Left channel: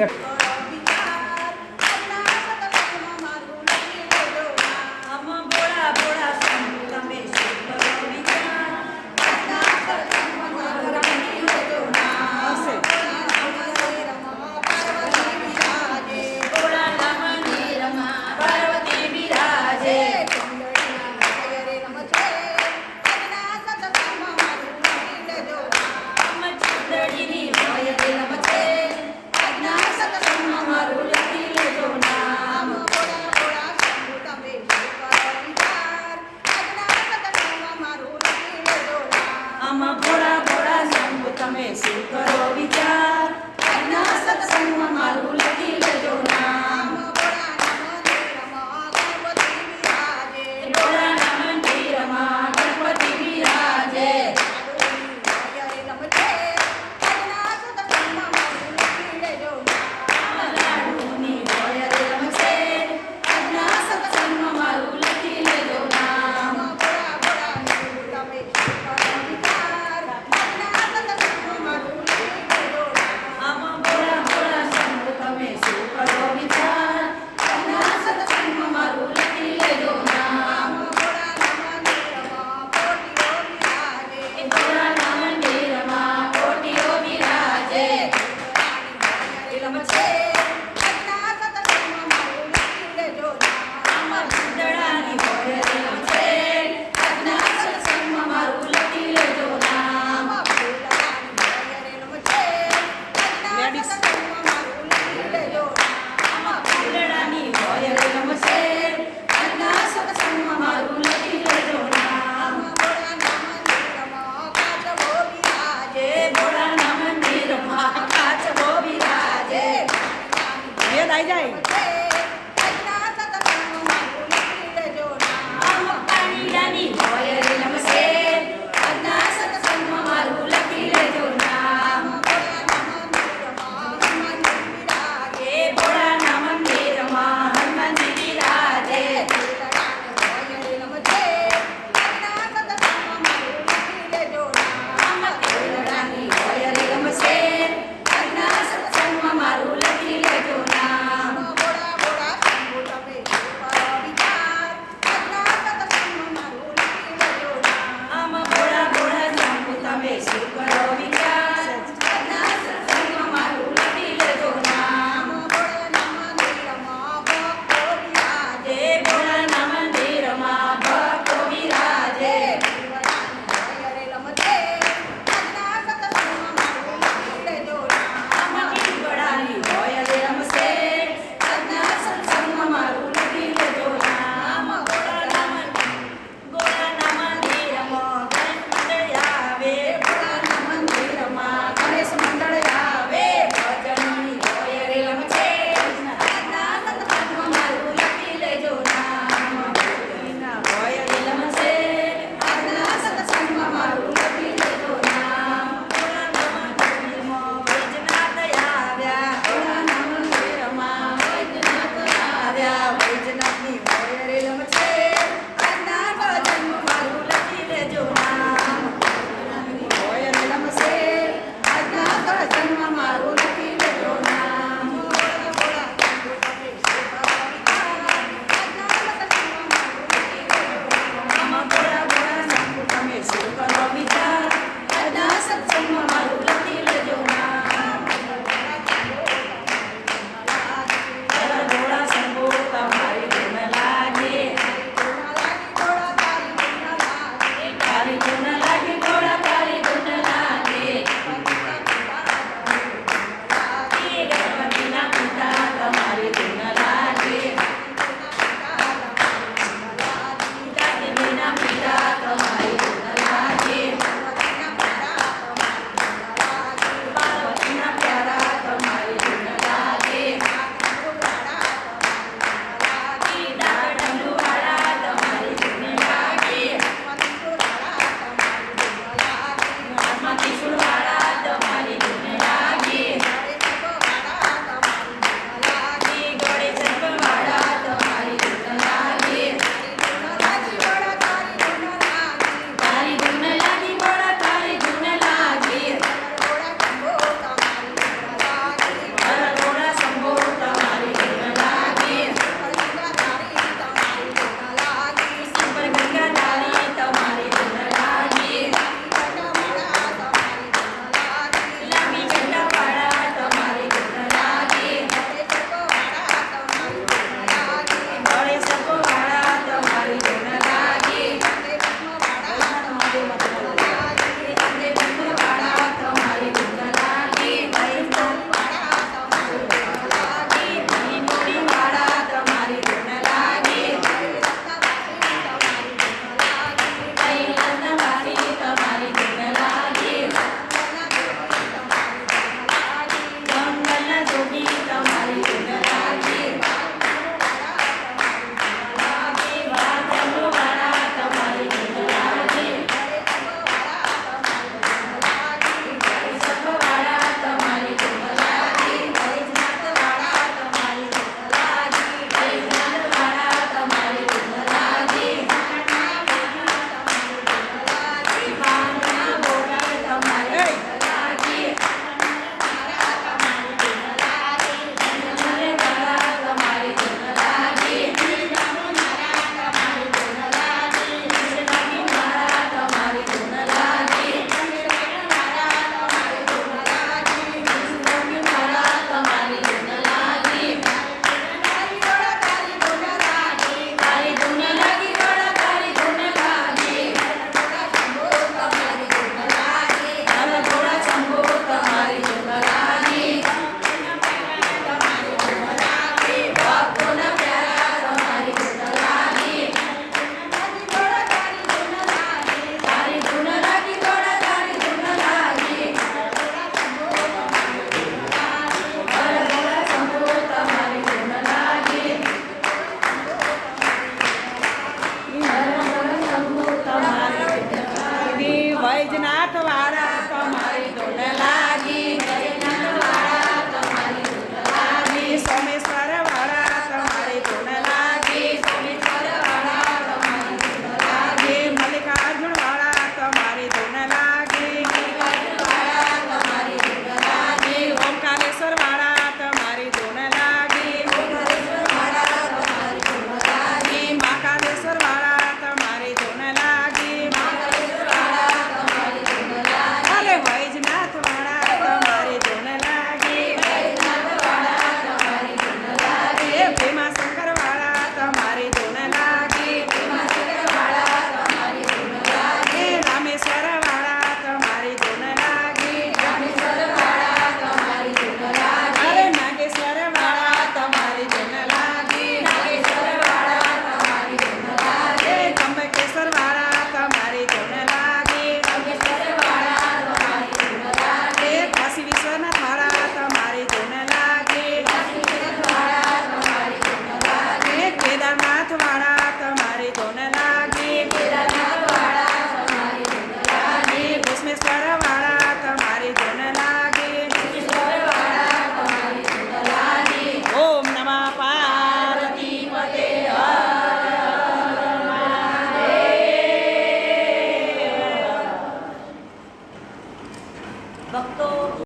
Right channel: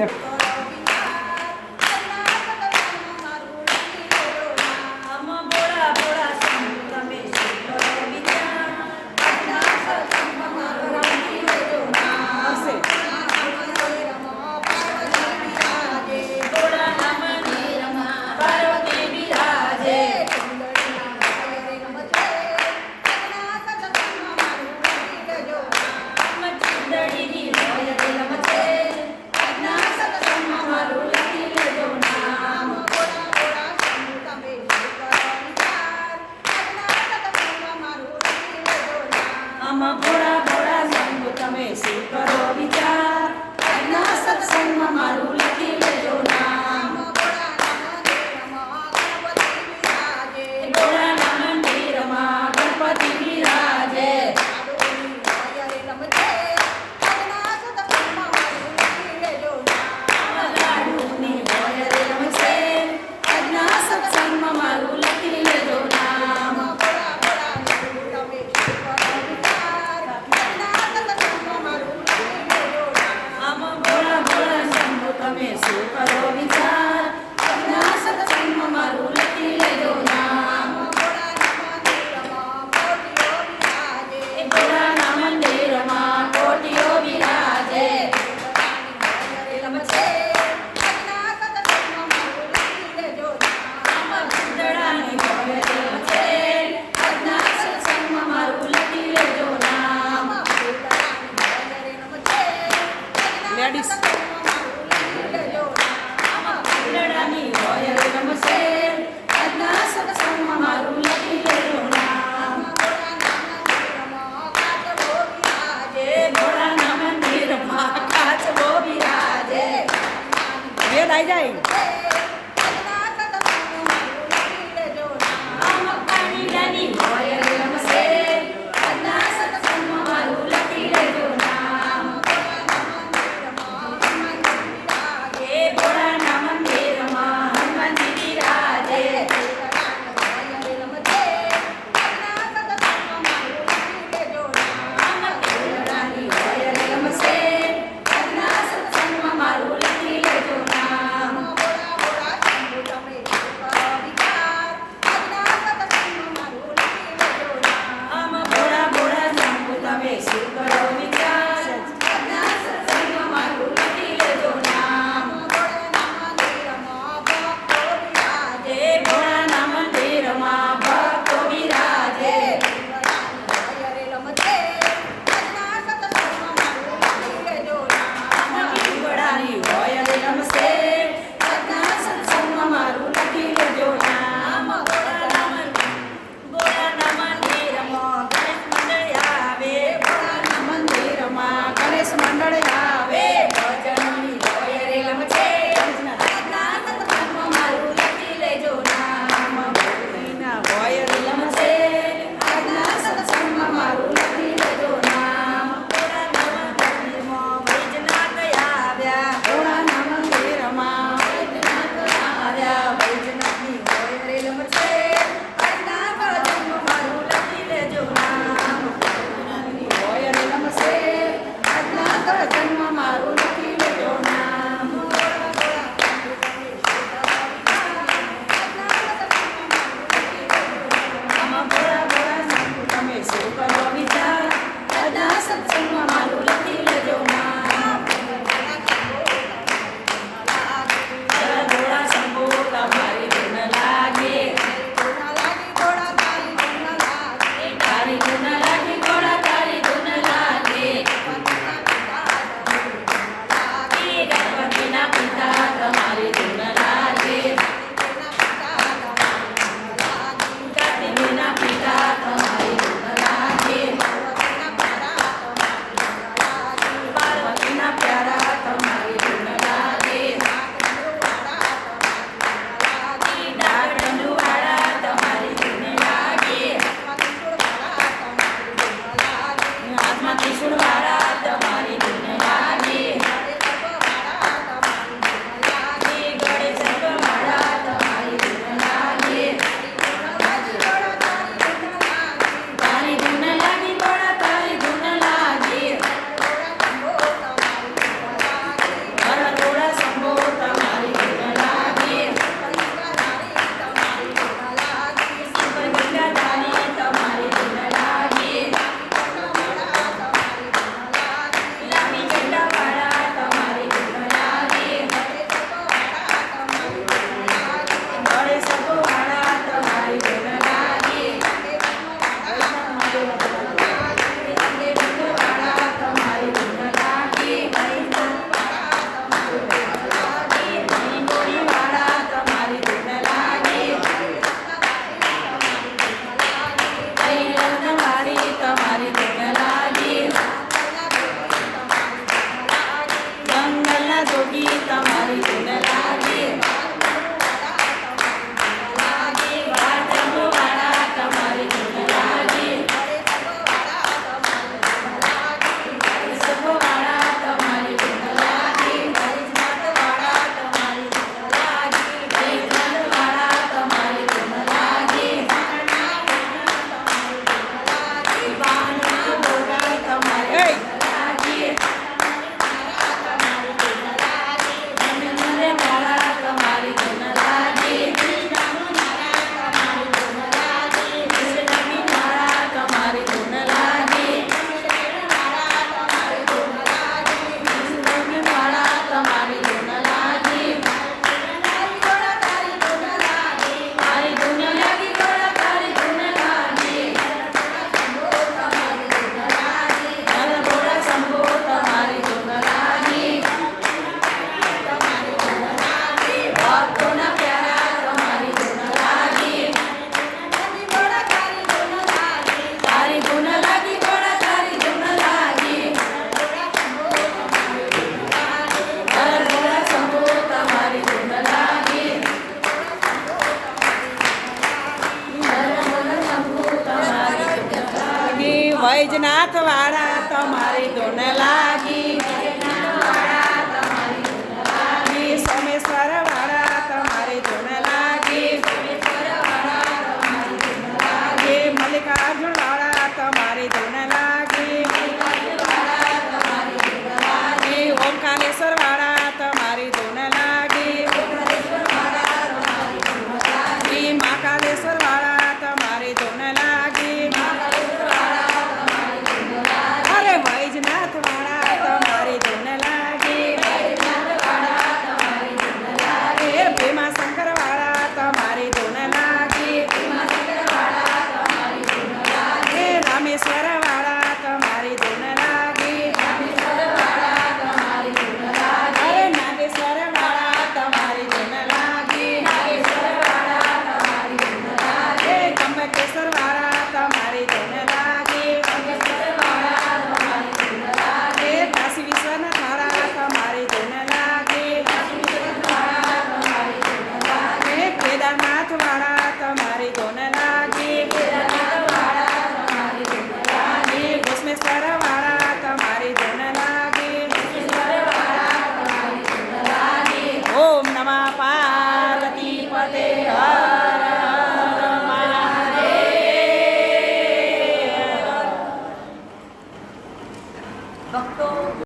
Teşekkürler.